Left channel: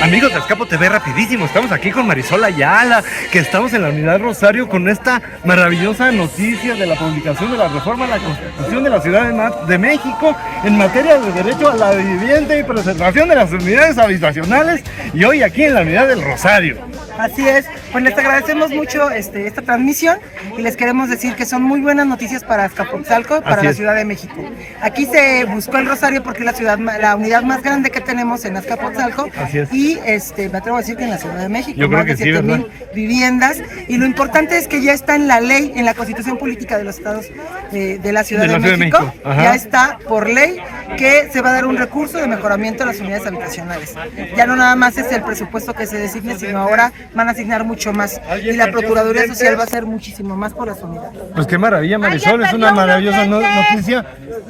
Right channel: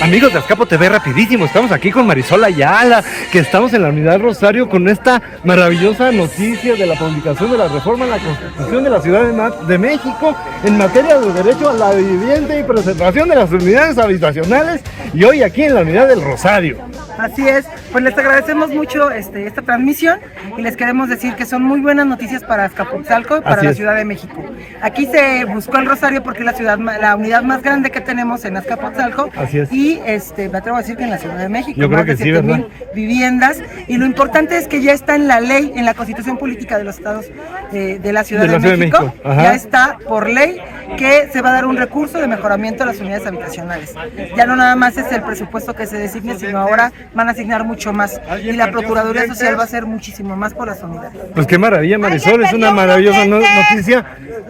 Amigos de Azcapo TV, rapidísimo, estamos aquí con Marisol Ayala, que estamos en la Unidad Rosario con esta maravillosa noticia de la publicación de la reforma en la Constitución de la Ciudad de México en materia de derecho a la vivienda y preservación de las unidades habitacionales, y hoy aquí en la Unidad del Rosario. Así es, pues les agradecemos mucho esta transmisión y les queremos decir que son muy buenas noticias para Azcapotzalco y para la Ciudad de México. Aquí se buscó el Rosario porque es la unidad más grande que tenemos en Azcapotzalco y me atrevo a decir que en la Ciudad de México, más de 7,000 viviendas, y lo importante es que ya está en la ley, en la Constitución Política de los Estados de la Ciudad de México, ya está por ley que se va a dar un recurso de mejoramiento a las unidades habitacionales. Ya no nada más es el presupuesto que se designe, sino ahora van a asignar mucho más y la Procuraduría Social va a hacer muchísimo más por las unidades. Pues qué maravilla, Marisol, es una maravillosa noticia,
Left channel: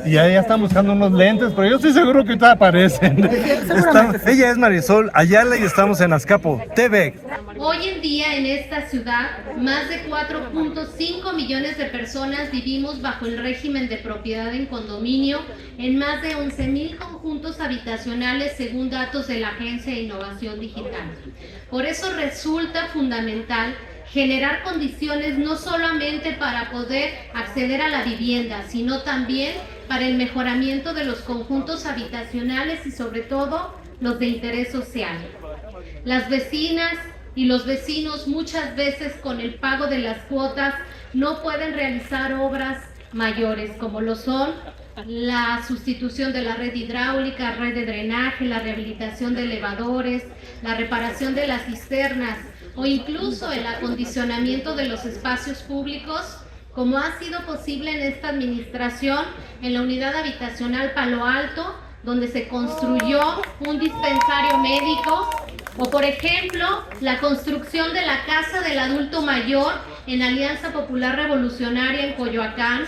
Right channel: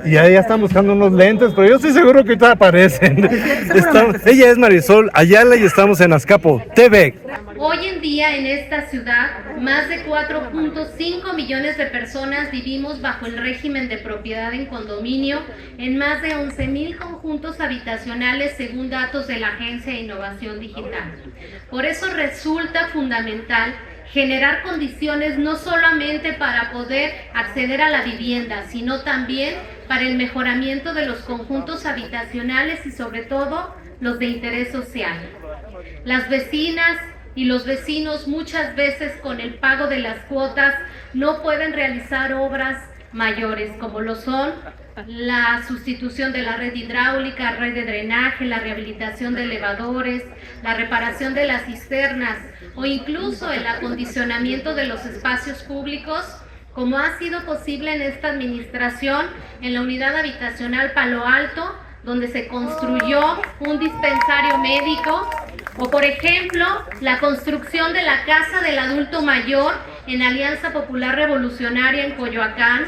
y ahí ya están buscando unos lentes, pero yo estoy seguro que ahorita aparecen. Ella es Marisol Ayala y estamos en Azcapo TV. Hoy en día en esta ciudad, más de 4.5 millones de personas vivimos bajo el régimen de propiedad en condominio en más de 11,000 conjuntos habitacionales según datos de la Agencia de Innovación Digital. Por eso resulta fundamental generar condiciones no solamente para poder acceder a la vivienda, sino también para el mejoramiento de los conjuntos habitacionales y sobre todo los de interés social. Las vecinas y los vecinos muchas veces con el pago de las cuotas no pueden realizar obras mayores como lo son la sustitución de la red hidráulica, red de drenaje, la rehabilitación de elevadores, la reparación de las cisternas o incluso el acondicionamiento de los espacios públicos, como ha sido posible en esta administración en la unidad habitacional Palo Alto, donde se construyó un dispensario médico, o por ejemplo, la construcción de la Casa del Adulto Mayor en Alianza Popular Revolucionaria en Coyoacán.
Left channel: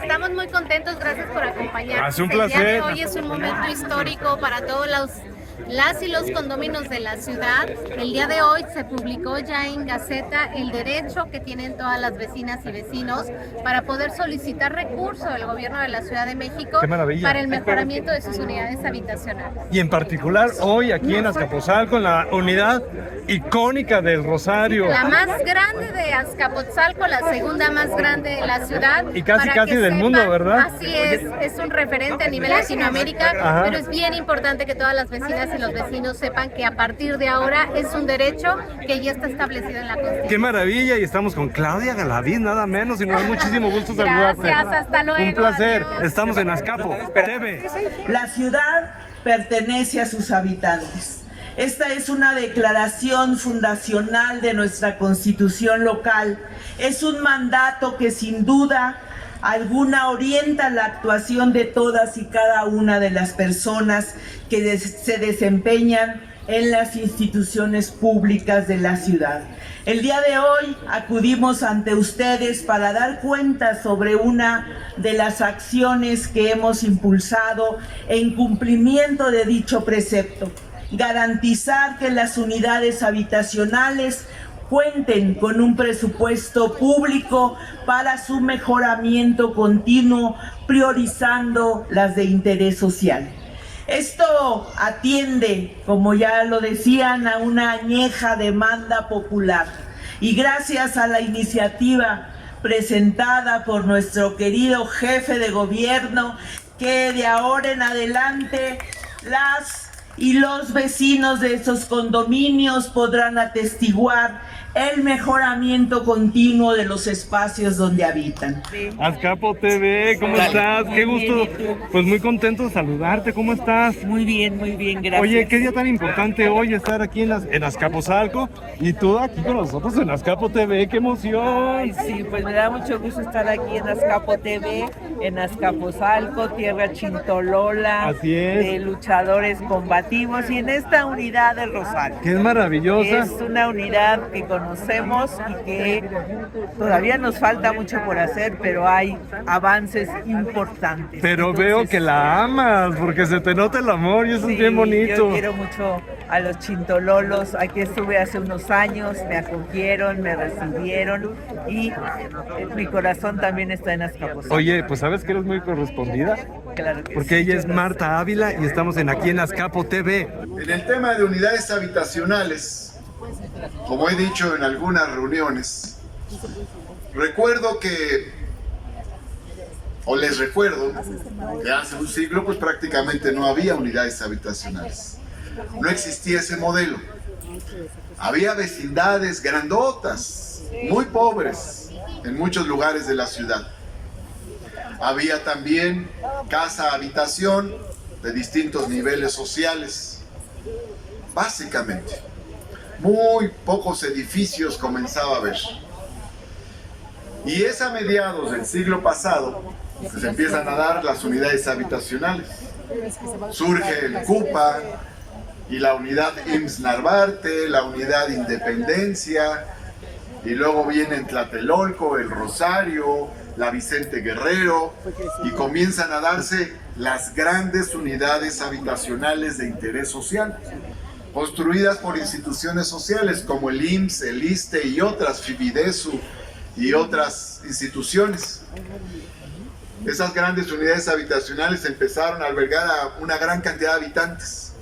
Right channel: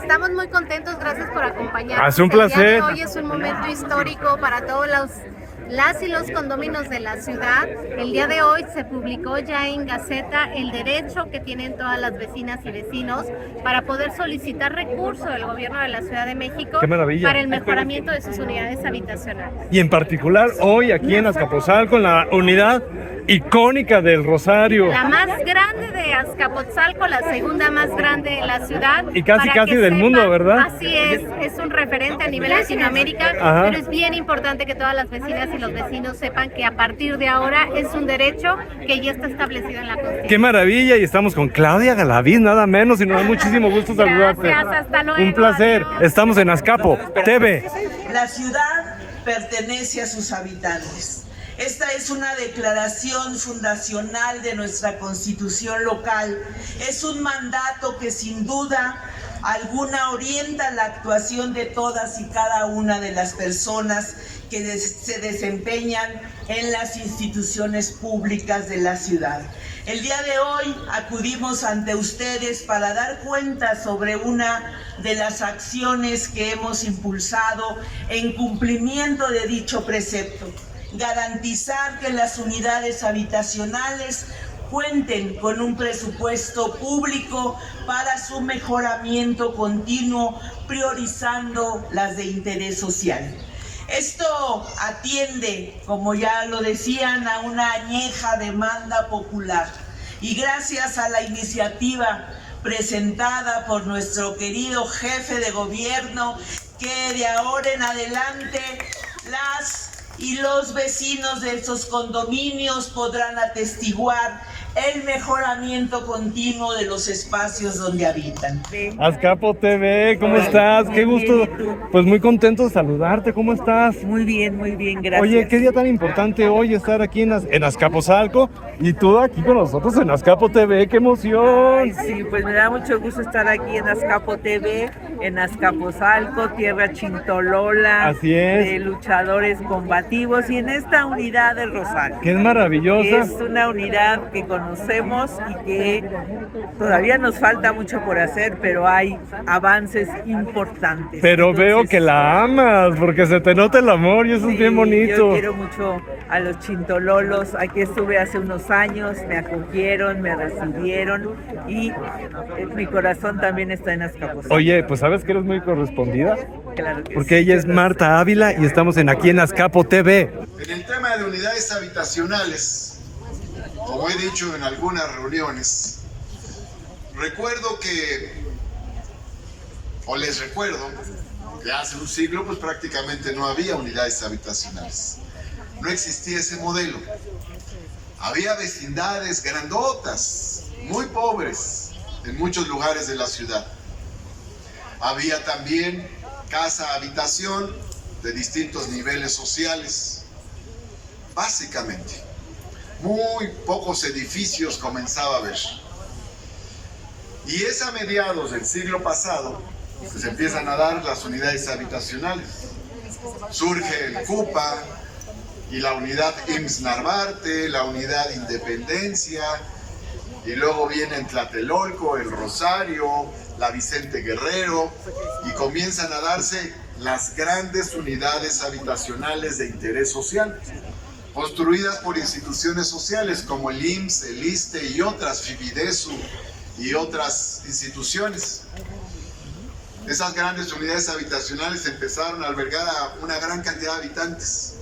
Estamos muy contentos, gracias por acompañarnos. Es un placer. Hoy es un momento histórico para todos las y los condominios de la ciudad. El día de hoy se publicó ya en Gaceta el derecho que tienen todas las vecinas y vecinos para poder solicitar recursos del gobierno de la Ciudad de México para el mejoramiento de sus unidades habitacionales. Y en particular hoy aquí en Azcapotzalco, con la unidad icónica del Rosario. La más grande de Azcapotzalco, la segunda más grande de la ciudad. Y casi del mundo, ¿verdad? Así es un referente a nivel Latinoamérica, pero es bien importante que todas las vecinas y los vecinos sepan que a partir de ahora es un derecho que ya está establecido en la Constitución. ¡Qué maravilla! Y estamos con Claudia Galaviz, nada menos, y nos da muchísimo gusto saludarte. Gracias, hasta luego. Un placer. Adiós. Estamos en Azcapo TV. La ciudad pertenece a sus habitantes. Esta es una declaración fundacional de nuestra Constitución local. Es un mandato que sin duda alguna orienta la actuación de todas y cada una de las personas que se desempeñan en las instituciones públicas de la ciudad. El día de hoy acudimos ante ustedes para dar cuenta sobre una de las acciones que hemos impulsado en cumplimiento de dicho precepto: garantizar que las unidades habitacionales cuenten con un presupuesto público para su mejoramiento continuo, priorizando las de interés social. Esto atiende, como ya lo decían, a una añeja demanda popular, y gracias a la iniciativa presentada por nuestro querido jefe de gobierno, que de ahora en adelante las y los vecinos de estos condominios podrán atestiguar el mejoramiento continuo de los espacios donde habitan. Azcapo TV, ¿cómo estás? Qué gusto, pues muy contento de saludarte, ¿cómo estás? Muy bien, gracias. Oye, qué día tan importante hoy estar aquí en Azcapotzalco, y tú aquí con nosotros en Azcapo TV, ¡qué emoción! Ay, sí, pues me da mucho gusto estar aquí en Azcapo TV, en Azcapotzalco, tierra chintolola, así es, luchadores combativos, y en esta unidad del Rosario. ¡Qué maravillosa! Es una unidad que conocemos y que todavía nos falta mucho por hacer, pero hay avances importantes. Pero entonces, veo que la amas, porque se te nota el amor y eso es bien bonito. Yo quiero mucho a los chintololos. Aquí estuve hace unos años, me acogieron, me recibieron, y mi corazón también está en Azcapotzalco. Oye, pues ¿sabes que eres muy correspondida? Claro que porque sí. ella es Marta Ávila y estamos aquí en Azcapo TV. En el tema de unidades habitacionales, como he dicho en algunas reuniones, recuerdo les recuerdo que hace un siglo pues prácticamente no había unidades habitacionales. No existía ese modelo. Había vecindades grandotas, muy pobres, en muchos lugares de la ciudad. Había también casa-habitación de distintos niveles sociales. Básicamente, muy pocos edificios comenzaba a ver. Y es a mediados del siglo pasado que se empiezan a dar las unidades habitacionales. Surge el CUPA y la unidad IMSS Narvarte, la unidad Independencia, y luego vienen Tlatelolco, El Rosario, la Vicente Guerrero, y comienzan a darse las grandes unidades habitacionales de interés social, construidas por instituciones sociales como el IMSS, el ISSSTE y otras, Fibidesu y otras instituciones. Esas grandes unidades habitacionales empezaron a albergar a una gran cantidad de habitantes.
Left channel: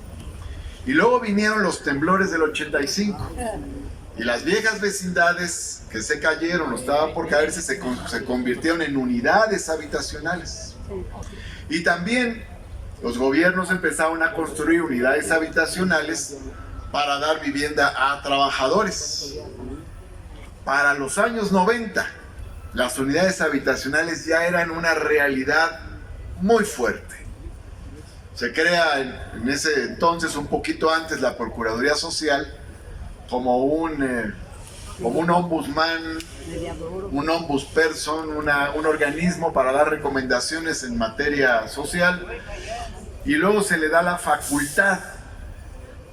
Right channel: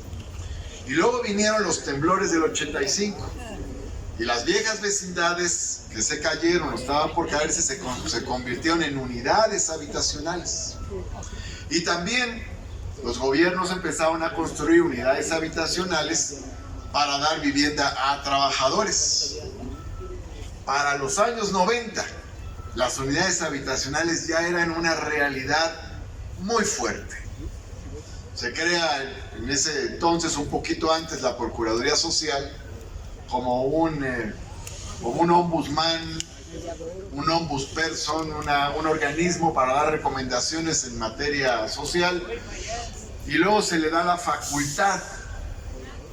Y luego vinieron los temblores del 85. Y las viejas vecindades que se cayeron o estaban por caerse se convirtieron en unidades habitacionales. Y también los gobiernos empezaron a construir unidades habitacionales para dar vivienda a trabajadores. Para los años 90, las unidades habitacionales ya eran una realidad muy fuerte. Se crea en ese entonces, un poquito antes, la Procuraduría Social como un ombudsman, un ombudsperson, un organismo para dar recomendaciones en materia social, y luego se le da la facultad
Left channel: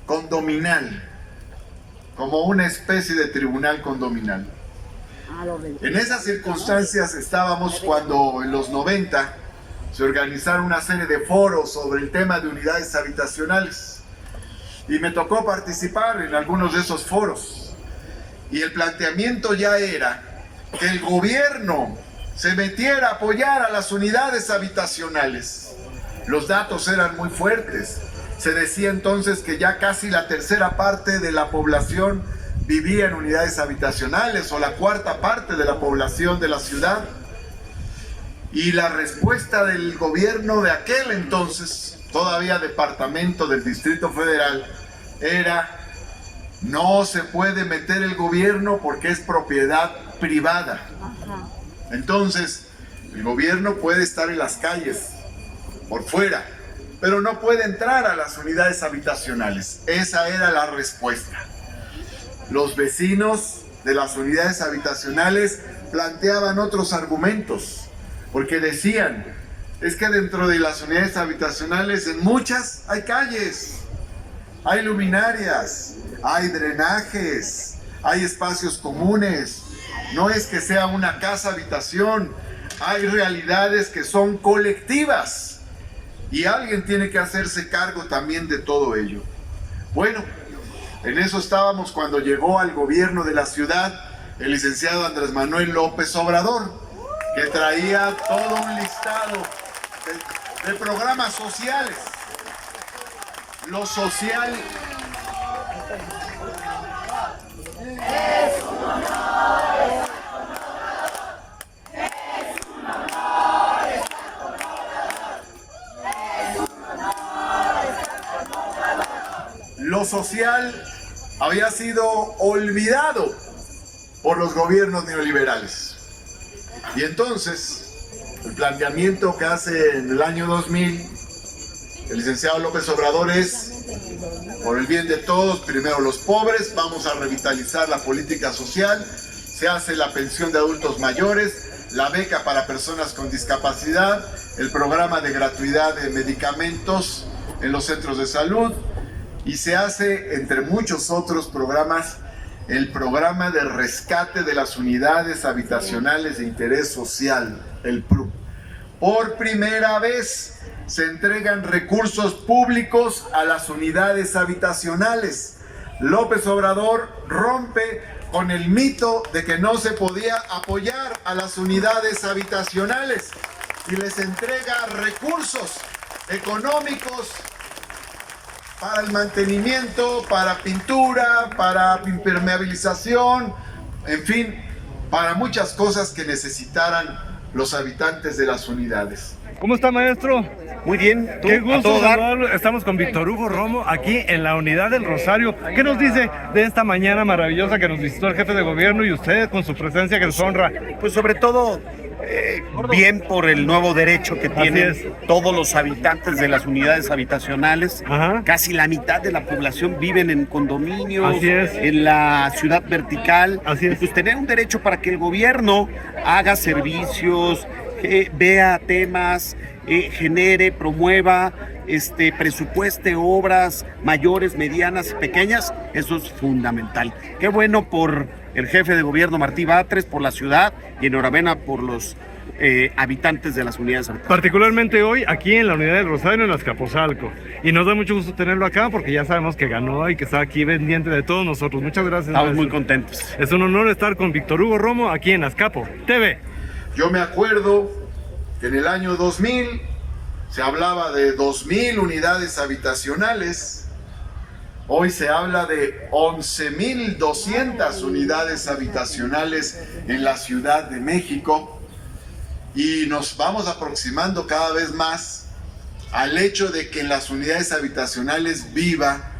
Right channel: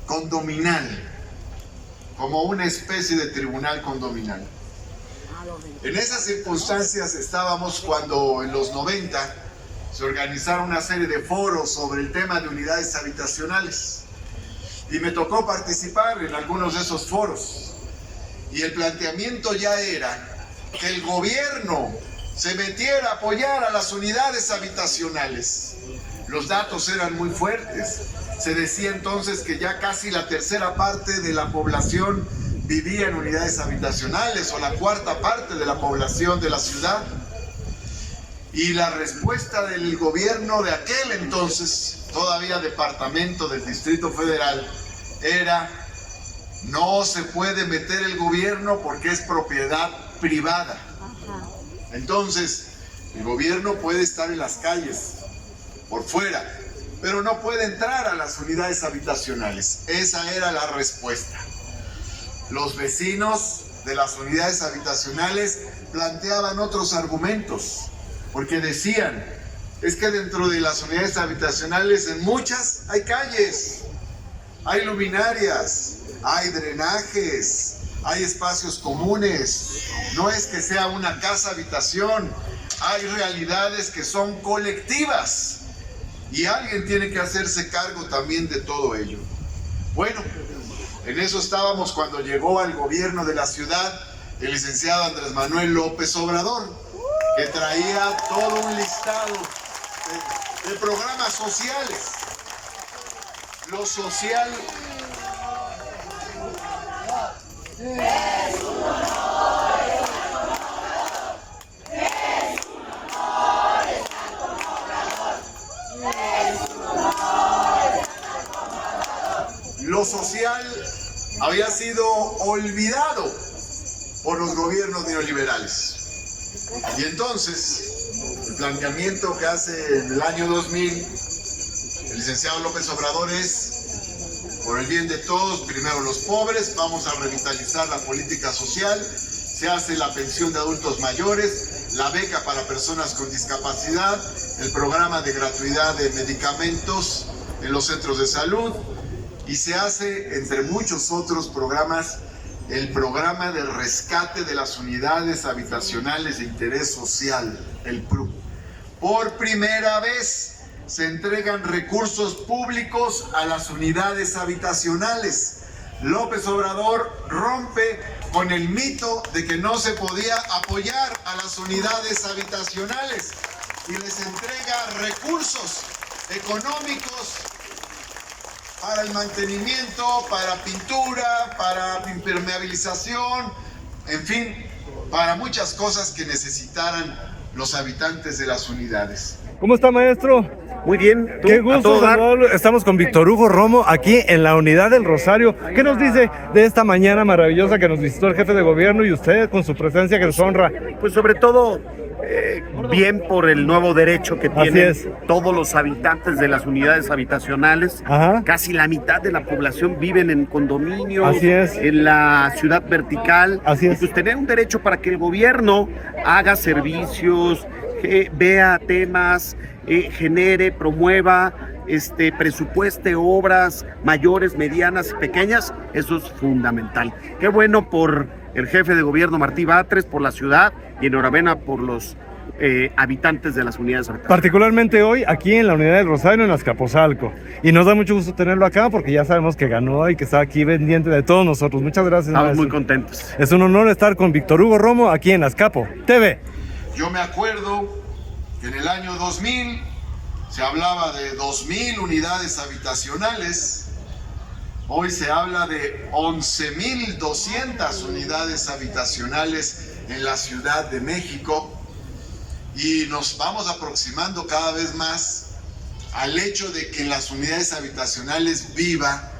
condominal, como una especie de tribunal condominal. En esas circunstancias estábamos cuando en los 90 se organizaron una serie de foros sobre el tema de unidades habitacionales. Y me tocó participar en algunos de esos foros. Y el planteamiento ya era que el gobierno se metiera a apoyar a las unidades habitacionales. Los datos eran muy fuertes. Se decía entonces que ya casi la tercera parte de la población vivía en unidades habitacionales, o la cuarta parte de la población de la ciudad. Y la respuesta del gobierno de aquel entonces, todavía departamento del Distrito Federal, era: no se puede meter el gobierno porque es propiedad privada. Entonces, el gobierno puede estar en las calles, por fuera, pero no puede entrar a las unidades habitacionales. Esa era la respuesta. Los vecinos de las unidades habitacionales planteaban otros argumentos, porque decían: es que dentro de las unidades habitacionales, en muchas hay calles, hay luminarias, hay drenajes, hay espacios comunes. No es que sea una casa habitación, hay realidades que son colectivas y alguien tiene que hacerse cargo también de todo ello. Bueno, en eso estábamos cuando llegó al gobierno de la ciudad el licenciado Andrés Manuel López Obrador, que traía todo un listado de programas sociales. Lo social es un honor, es un honor, es un honor. Lo social había sido olvidado por los gobiernos neoliberales. Y entonces, el planteamiento que hace en el año 2000 el licenciado López Obrador es: por el bien de todos, primero los pobres, vamos a revitalizar la política social, se hace la pensión de adultos mayores, la beca para personas con discapacidad, el programa de gratuidad de medicamentos en los centros de salud, y se hace, entre muchos otros programas, el programa de rescate de las unidades habitacionales de interés social, el PRU. Por primera vez se entregan recursos públicos a las unidades habitacionales. López Obrador rompe con el mito de que no se podía apoyar a las unidades habitacionales. y les entrega recursos económicos para el mantenimiento, para pintura, para impermeabilización, en fin, para muchas cosas que necesitaran los habitantes de las unidades. ¿Cómo está, maestro? Muy bien, ¿tú? Qué A gusto todo dar. saludarlo. Estamos con Víctor Hugo Romo aquí en la Unidad del Rosario. ¿Qué nos dice de esta mañana maravillosa que nos visitó el jefe de gobierno y usted con su presencia que nos honra? Pues sobre todo, bien por el nuevo derecho que tienen es. todos los habitantes de las unidades habitacionales. Ajá. Casi la mitad de la población viven en condominios, Así es. en la ciudad vertical. Así es. Y pues tener un derecho para que el gobierno haga servicios, vea temas, genere, promueva, presupueste obras mayores, medianas y pequeñas, eso es fundamental. Qué bueno por el jefe de gobierno Martí Batres, por la ciudad, y enhorabuena por los habitantes de las unidades habitacionales. Particularmente hoy aquí en la Unidad del Rosario en Azcapotzalco. Y nos da mucho gusto tenerlo acá porque ya sabemos que ganó y que está aquí pendiente de todos nosotros. Muchas gracias. Estamos maestro. muy contentos. Es un honor estar con Víctor Hugo Romo aquí en Azcapo TV. Yo me acuerdo que en el año 2000 se hablaba de 2000 unidades habitacionales. Hoy se habla de 11.200 unidades habitacionales en la Ciudad de México y nos vamos aproximando cada vez más al hecho de que en las unidades habitacionales viva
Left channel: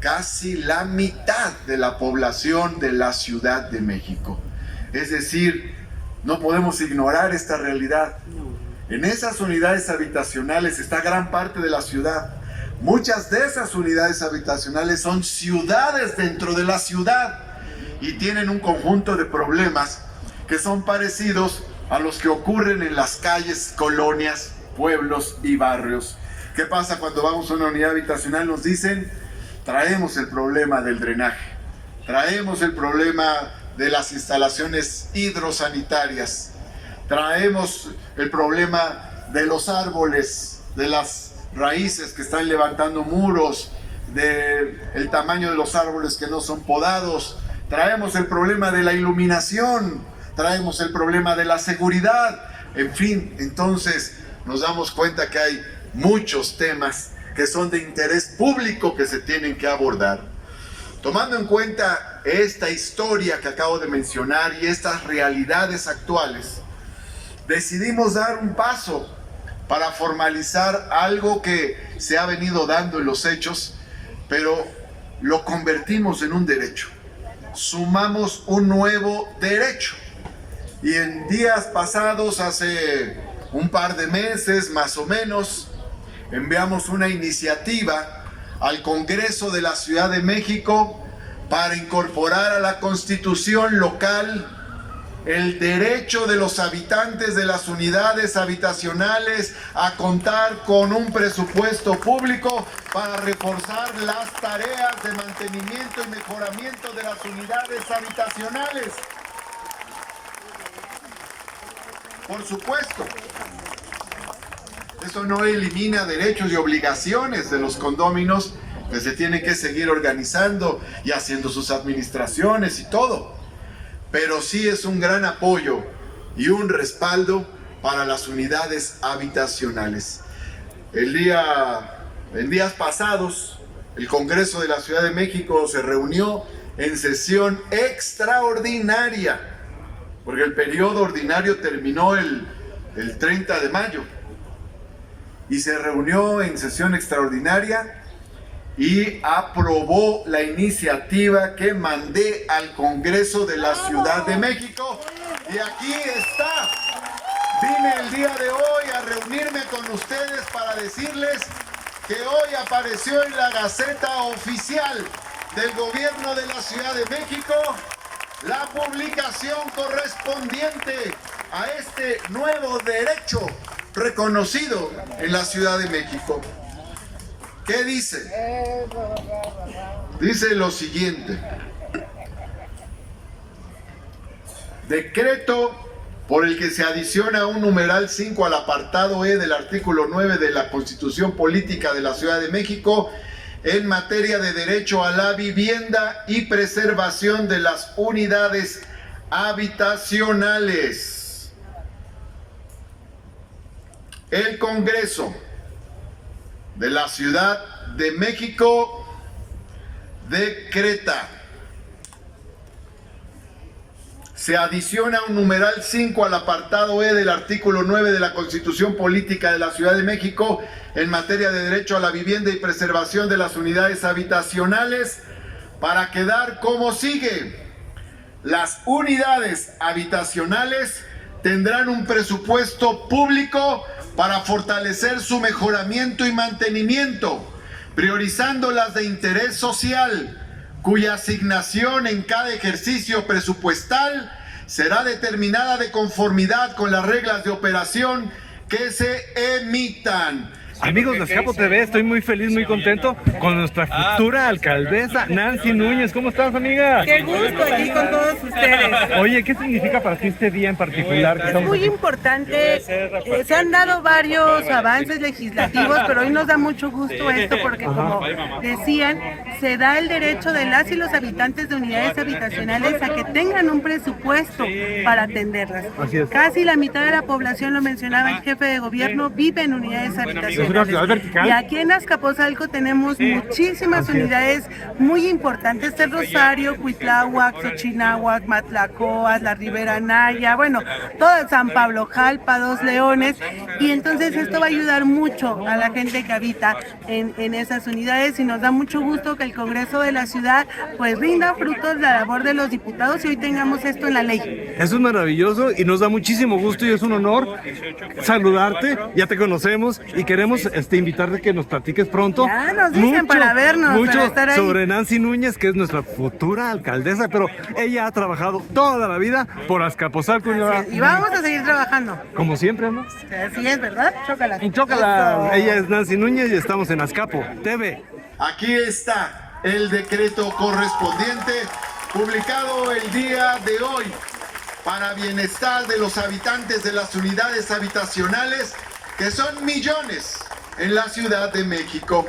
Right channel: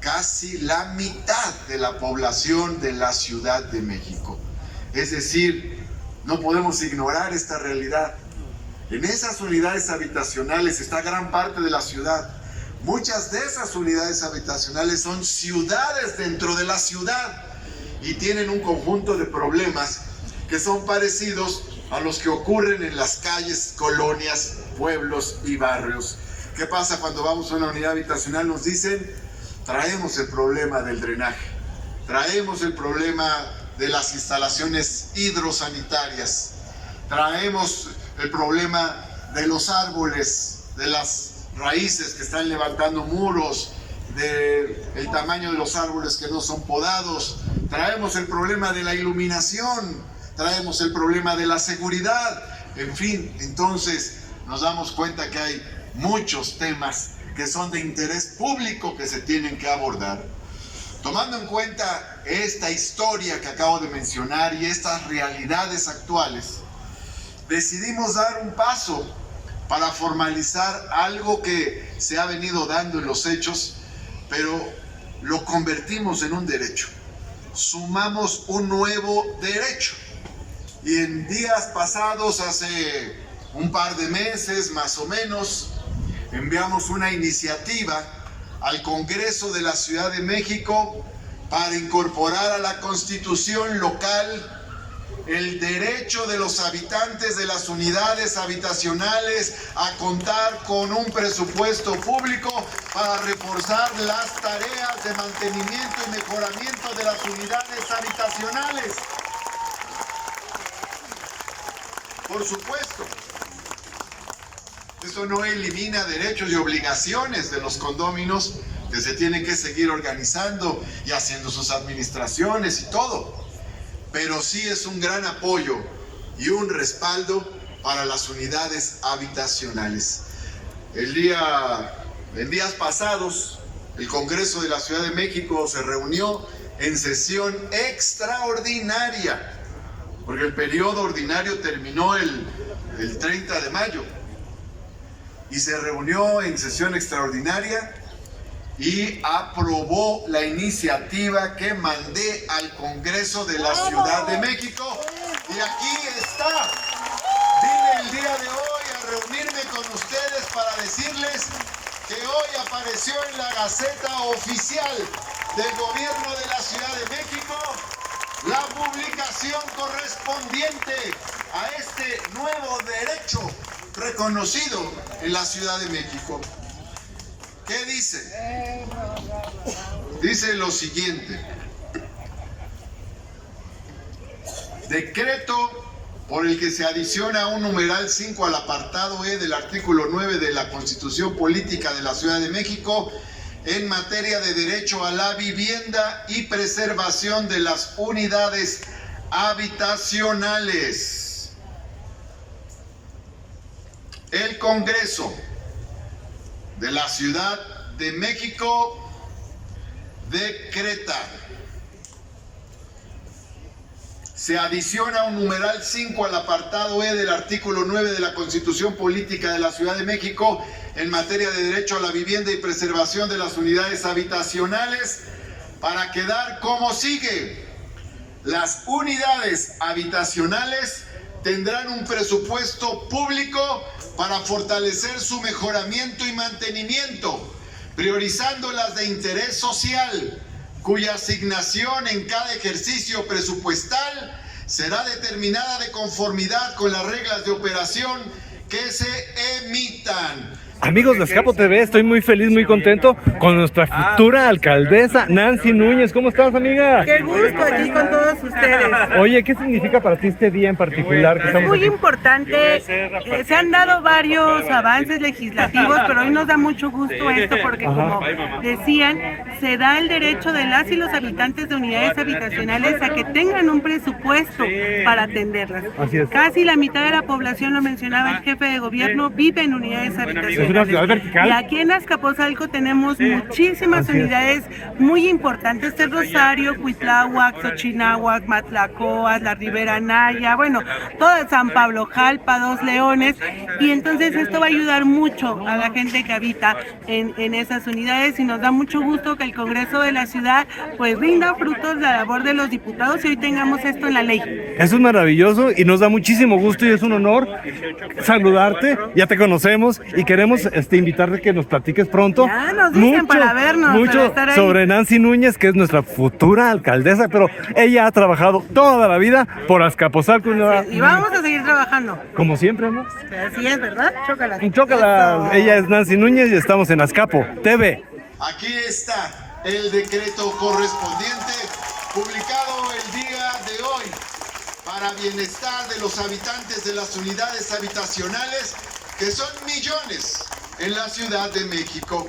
casi la mitad de la población de la Ciudad de México. Es decir, no podemos ignorar esta realidad. En esas unidades habitacionales está gran parte de la ciudad. Muchas de esas unidades habitacionales son ciudades dentro de la ciudad y tienen un conjunto de problemas que son parecidos a los que ocurren en las calles, colonias, pueblos y barrios. ¿Qué pasa cuando vamos a una unidad habitacional? Nos dicen, traemos el problema del drenaje, traemos el problema de las instalaciones hidrosanitarias, traemos el problema de los árboles, de las raíces que están levantando muros, del tamaño de los árboles que no son podados, traemos el problema de la iluminación, traemos el problema de la seguridad, en fin, entonces nos damos cuenta que hay muchos temas que son de interés público que se tienen que abordar. Tomando en cuenta esta historia que acabo de mencionar y estas realidades actuales, decidimos dar un paso para formalizar algo que se ha venido dando en los hechos, pero lo convertimos en un derecho. Sumamos un nuevo derecho. Y en días pasados, hace un par de meses más o menos, enviamos una iniciativa al Congreso de la Ciudad de México para incorporar a la Constitución local el derecho de los habitantes de las unidades habitacionales a contar con un presupuesto público para reforzar las tareas de mantenimiento y mejoramiento de las unidades habitacionales. Por supuesto, eso no elimina derechos y obligaciones de los condóminos que se tienen que seguir organizando y haciendo sus administraciones y todo. Pero sí es un gran apoyo y un respaldo para las unidades habitacionales. En días pasados, el Congreso de la Ciudad de México se reunió en sesión extraordinaria, porque el periodo ordinario terminó el 30 de mayo, y se reunió en sesión extraordinaria y aprobó la iniciativa que mandé al Congreso de la Ciudad de México. Y aquí está. Vine el día de hoy a reunirme con ustedes para decirles que hoy apareció en la Gaceta Oficial del Gobierno de la Ciudad de México la publicación correspondiente a este nuevo derecho reconocido en la Ciudad de México. ¿Qué dice? Dice lo siguiente: decreto por el que se adiciona un numeral 5 al apartado E del artículo 9 de la Constitución Política de la Ciudad de México en materia de derecho a la vivienda y preservación de las unidades habitacionales. El Congreso de la Ciudad de México decreta: se adiciona un numeral 5 al apartado E del artículo 9 de la Constitución Política de la Ciudad de México en materia de derecho a la vivienda y preservación de las unidades habitacionales, para quedar como sigue. Las unidades habitacionales tendrán un presupuesto público para fortalecer su mejoramiento y mantenimiento, priorizando las de interés social, cuya asignación en cada ejercicio presupuestal será determinada de conformidad con las reglas de operación que se emitan. Amigos de Azcapo TV, estoy muy feliz, muy contento con nuestra futura alcaldesa Nancy Núñez. ¿Cómo estás, amiga? Qué gusto aquí con todos ustedes. Oye, ¿qué significa para ti este día en particular? Es muy importante. Se han dado varios avances legislativos, pero hoy nos da mucho gusto esto porque, como decían, se da el derecho de las y los habitantes de unidades habitacionales a que tengan un presupuesto para atenderlas. Así es. Casi la mitad de la población, lo mencionaba el jefe de gobierno, vive en unidades habitacionales. Y aquí en Azcapotzalco tenemos muchísimas unidades muy importantes: el Rosario, Cuitláhuac, Xochinahuac, Matlacoas, la Ribera Naya, bueno, toda San Pablo Jalpa, Dos Leones, y entonces esto va a ayudar mucho a la gente que habita en esas unidades, y nos da mucho gusto que el Congreso de la ciudad pues rinda frutos de la labor de los diputados y hoy tengamos esto en la ley. Eso es maravilloso y nos da muchísimo gusto y es un honor saludarte. Ya te conocemos y queremos invitarte a que nos platiques pronto. Ya nos dicen para vernos, para estar ahí. Sobre Nancy Núñez, que es nuestra futura alcaldesa, pero ella ha trabajado toda la vida por Azcapotzalco. Y vamos a seguir trabajando. Como siempre, ¿no? Así es, ¿verdad? Chócala. Chócala. Eso. Ella es Nancy Núñez y estamos en Azcapo TV. Aquí está el decreto correspondiente publicado el día de hoy para bienestar de los habitantes de las unidades habitacionales, que son millones en la Ciudad de México.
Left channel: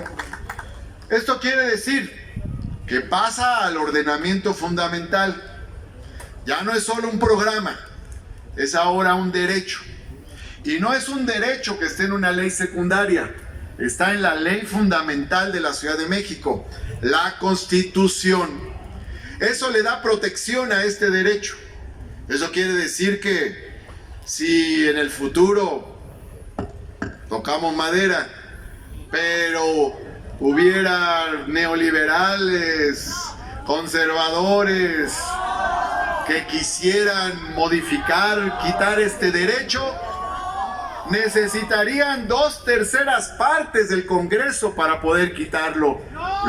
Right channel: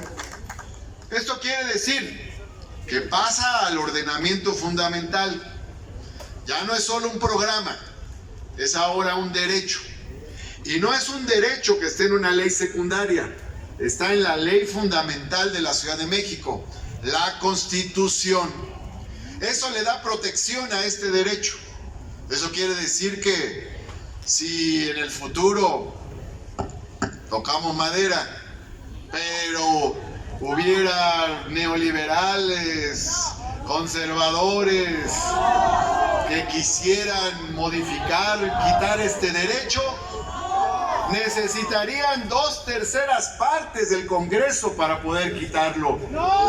Esto quiere decir que pasa al ordenamiento fundamental. Ya no es solo un programa, es ahora un derecho. Y no es un derecho que esté en una ley secundaria, está en la ley fundamental de la Ciudad de México, la Constitución. Eso le da protección a este derecho. Eso quiere decir que si en el futuro, tocamos madera, pero hubiera neoliberales, conservadores, que quisieran modificar, quitar este derecho, necesitarían 2/3 partes del Congreso para poder quitarlo,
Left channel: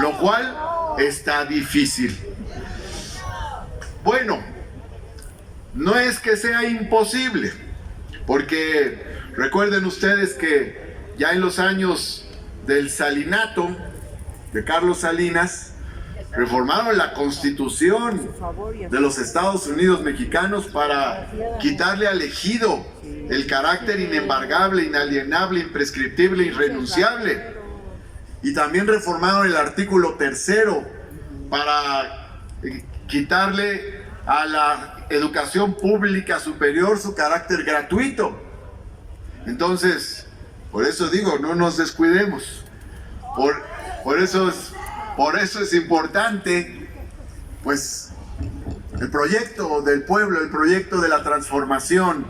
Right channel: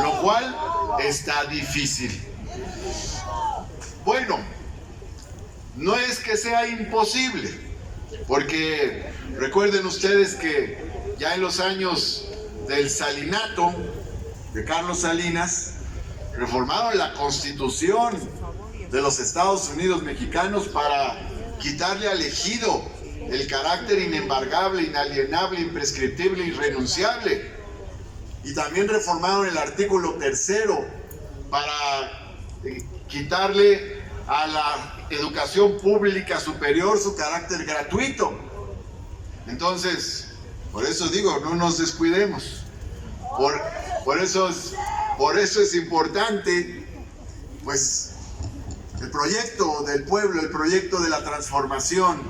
lo cual está difícil. Bueno, no es que sea imposible, porque recuerden ustedes que ya en los años del salinato de Carlos Salinas reformaron la Constitución de los Estados Unidos mexicanos para quitarle al ejido el carácter inembargable, inalienable, imprescriptible, irrenunciable. Y también reformaron el artículo 3º para quitarle a la educación pública superior su carácter gratuito. Entonces, por eso digo, no nos descuidemos. Por eso es importante, pues, el proyecto del pueblo, el proyecto de la transformación.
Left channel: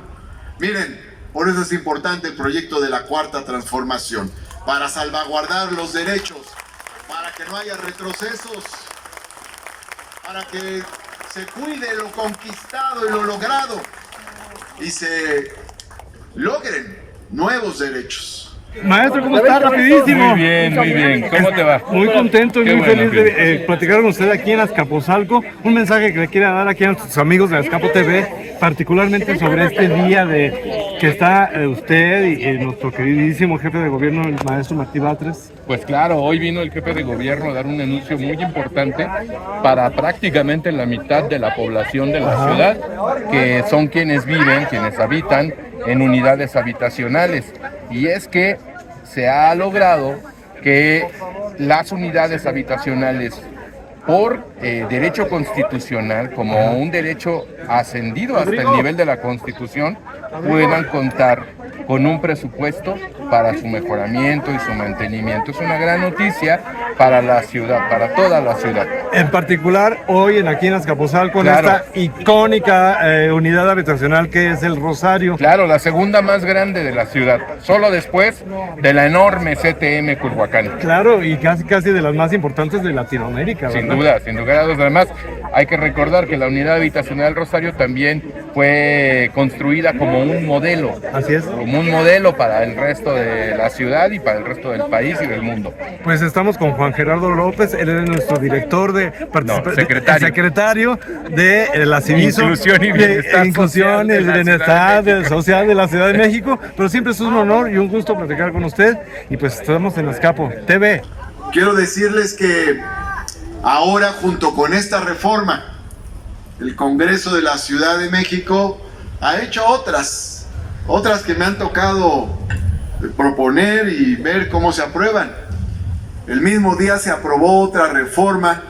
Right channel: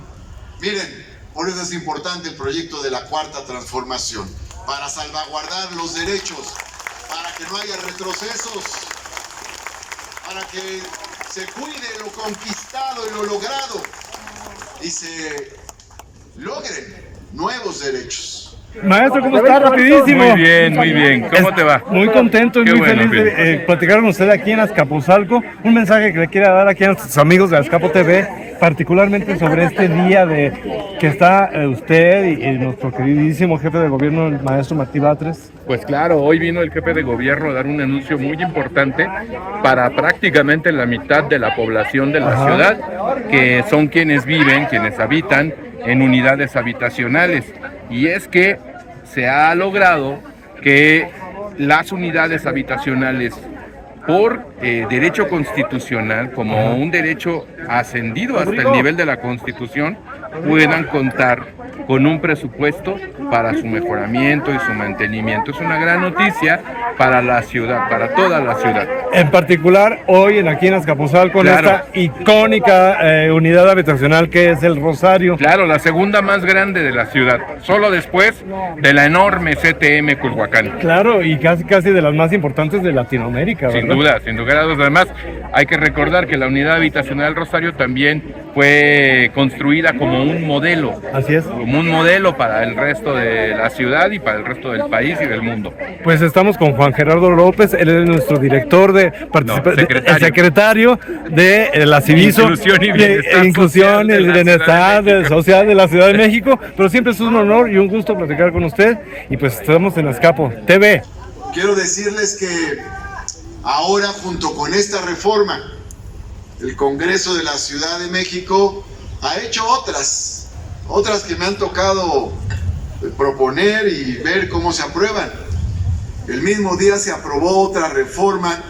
Miren, por eso es importante el proyecto de la Cuarta Transformación, para salvaguardar los derechos, para que no haya retrocesos, para que se cuide lo conquistado y lo logrado y se logren nuevos derechos. Maestro, ¿cómo está? Rapidísimo. Muy bien. ¿Cómo te va? Muy contento y Qué muy bueno, feliz de platicar con usted aquí en Azcapotzalco. Un mensaje que le quiera dar aquí a nuestros amigos de Azcapo TV, particularmente sobre este día de que está usted y nuestro queridísimo jefe de gobierno, el maestro Martí Batres. Pues claro, hoy vino el jefe de gobierno a dar un anuncio muy importante para prácticamente la mitad de la población de la ciudad, que son quienes viven, quienes habitan en unidades habitacionales. Y es que se ha logrado que las unidades habitacionales, por derecho constitucional, como un derecho ascendido hasta el nivel de la Constitución, puedan contar con un presupuesto para su mejoramiento y su mantenimiento. Es una gran noticia para la ciudad, para toda la ciudad. En particular, hoy aquí en Azcapotzalco, con esta icónica unidad habitacional que es el Rosario. Claro, la segunda más grande de la ciudad, solo después de la enorme CTM Culhuacán. Claro, y casi de las más importantes de Latinoamérica. Sin duda, sin lugar a dudas. Además, hay que recordar que la unidad habitacional Rosario también fue construida como un modelo. Así es. Como un modelo para el resto de la ciudad y para el resto del país y del mundo. Pues estamos con Juan Gerardo López, él es nuestro director de secretario de la Civiso, Inclusión y Bienestar Social de la Ciudad de México, pero siempre es un honor y un gusto platicar con usted, y pues estamos en Azcapo TV. Quiero decirles que ahora, junto con esta reforma, el Congreso de la Ciudad de México ha hecho otras que me han tocado proponer y ver cómo se aprueban. El mismo día se aprobó otra reforma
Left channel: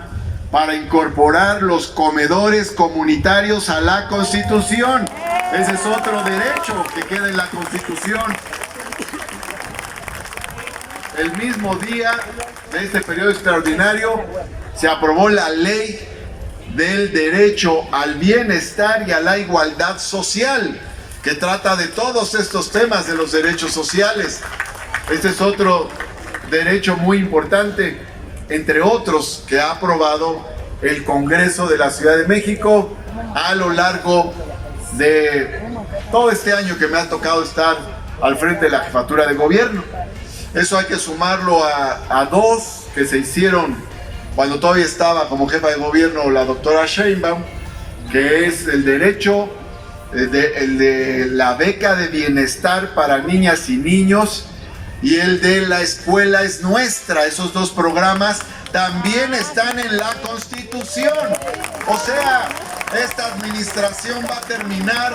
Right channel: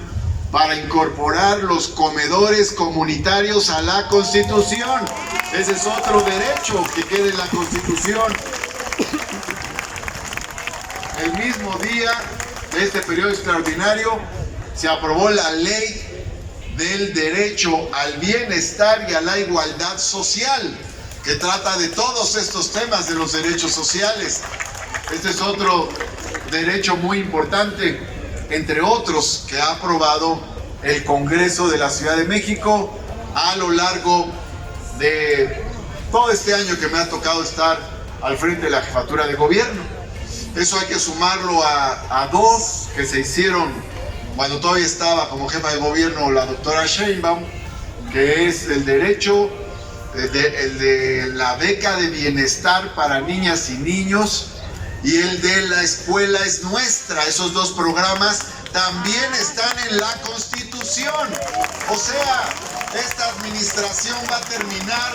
para incorporar los comedores comunitarios a la Constitución. Ese es otro derecho que queda en la Constitución. El mismo día de este periodo extraordinario se aprobó la ley del derecho al bienestar y a la igualdad social, que trata de todos estos temas de los derechos sociales. Este es otro derecho muy importante, entre otros, que ha aprobado el Congreso de la Ciudad de México a lo largo de todo este año que me ha tocado estar al frente de la jefatura de gobierno. Eso hay que sumarlo a dos que se hicieron cuando todavía estaba como jefa de gobierno la doctora Sheinbaum, que es el derecho, el de la beca de bienestar para niñas y niños, y el de la escuela es nuestra. Esos dos programas también están en la Constitución. O sea, esta administración va a terminar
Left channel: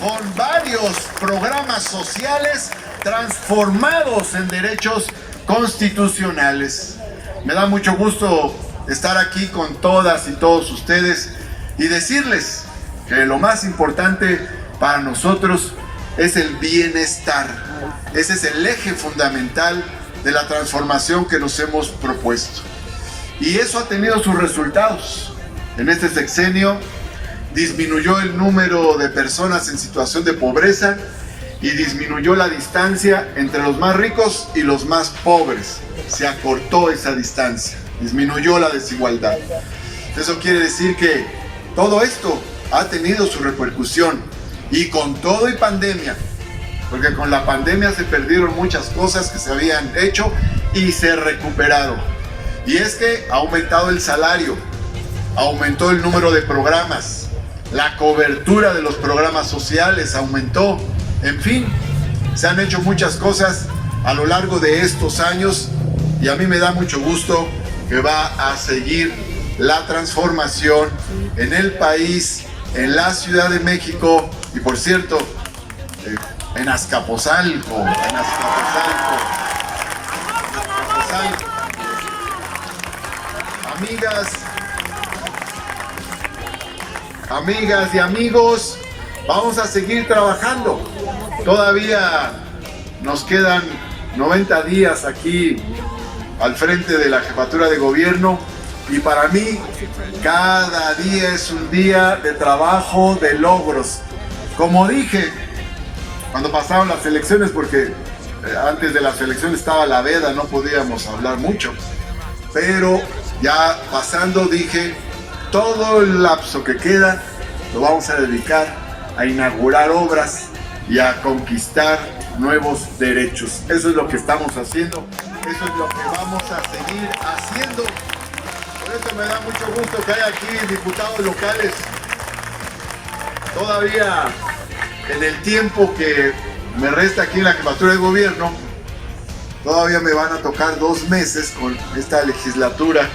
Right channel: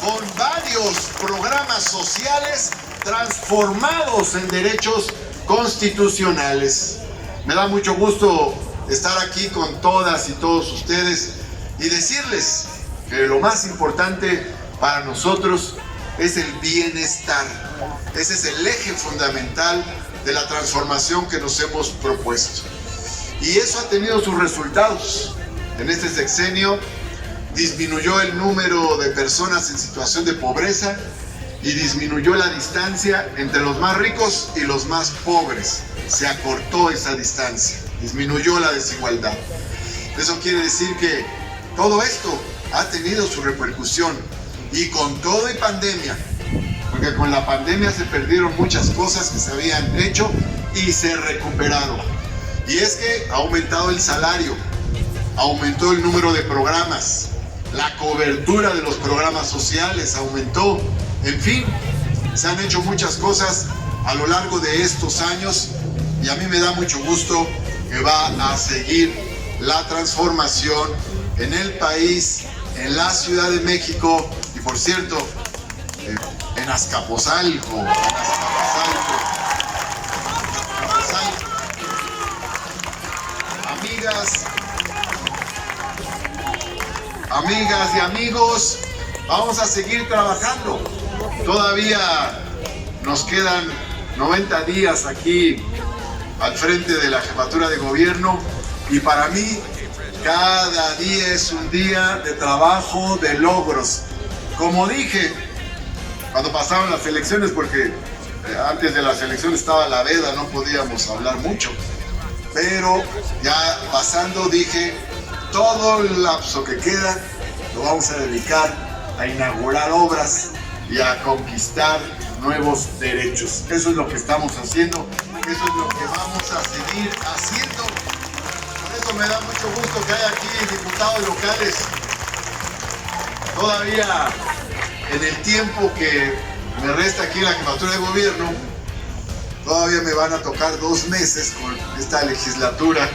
con varios programas sociales transformados en derechos constitucionales. Me da mucho gusto estar aquí con todas y todos ustedes y decirles que lo más importante para nosotros es el bienestar. Ese es el eje fundamental de la transformación que nos hemos propuesto. Y eso ha tenido sus resultados. En este sexenio disminuyó el número de personas en situación de pobreza y disminuyó la distancia entre los más ricos y los más pobres. Se acortó esa distancia, disminuyó la desigualdad. Eso quiere decir que todo esto ha tenido su repercusión, y con todo y pandemia, porque con la pandemia se perdieron muchas cosas que se habían hecho y se recuperaron. Y es que ha aumentado el salario, aumentó el número de programas, la cobertura de los programas sociales aumentó. En fin, se han hecho muchas cosas a lo largo de estos años, y a mí me da mucho gusto que va a seguir la transformación en el país, en la Ciudad de México y, por cierto, en Azcapotzalco. Amigas y amigos, vamos a seguir trabajando. Todavía nos quedan 90 días aquí al frente de la jefatura de gobierno, y para mí cada día es un día de trabajo, de logros. Como dije cuando pasaron las elecciones, porque antes de las elecciones estaba la veda, no podíamos hablar mucho, pero ya pasando dije, todo el lapso que queda lo vamos a dedicar a inaugurar obras y a conquistar nuevos derechos. Eso es lo que estamos haciendo, eso es lo que vamos a seguir haciendo. Por eso me da mucho gusto que haya aquí diputados locales. Todavía en el tiempo que me resta aquí en la jefatura de gobierno, todavía me van a tocar 2 meses con esta legislatura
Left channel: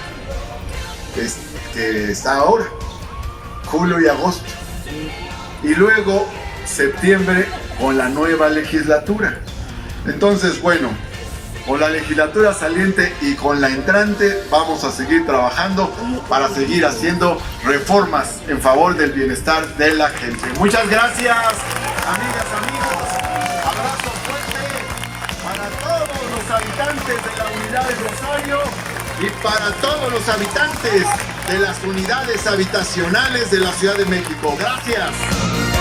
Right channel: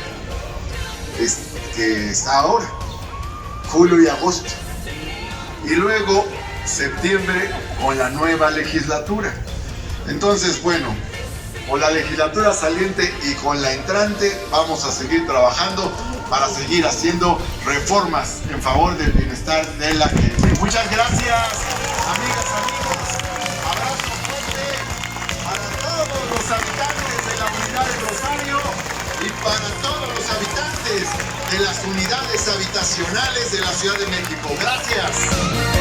que está ahora, julio y agosto, y luego septiembre con la nueva legislatura. Entonces, bueno, con la legislatura saliente y con la entrante vamos a seguir trabajando para seguir haciendo reformas en favor del bienestar de la gente. Muchas gracias, amigas, amigos. Abrazos. habitantes de la unidad de Rosario y para todos los habitantes de las unidades habitacionales de la Ciudad de México. Gracias.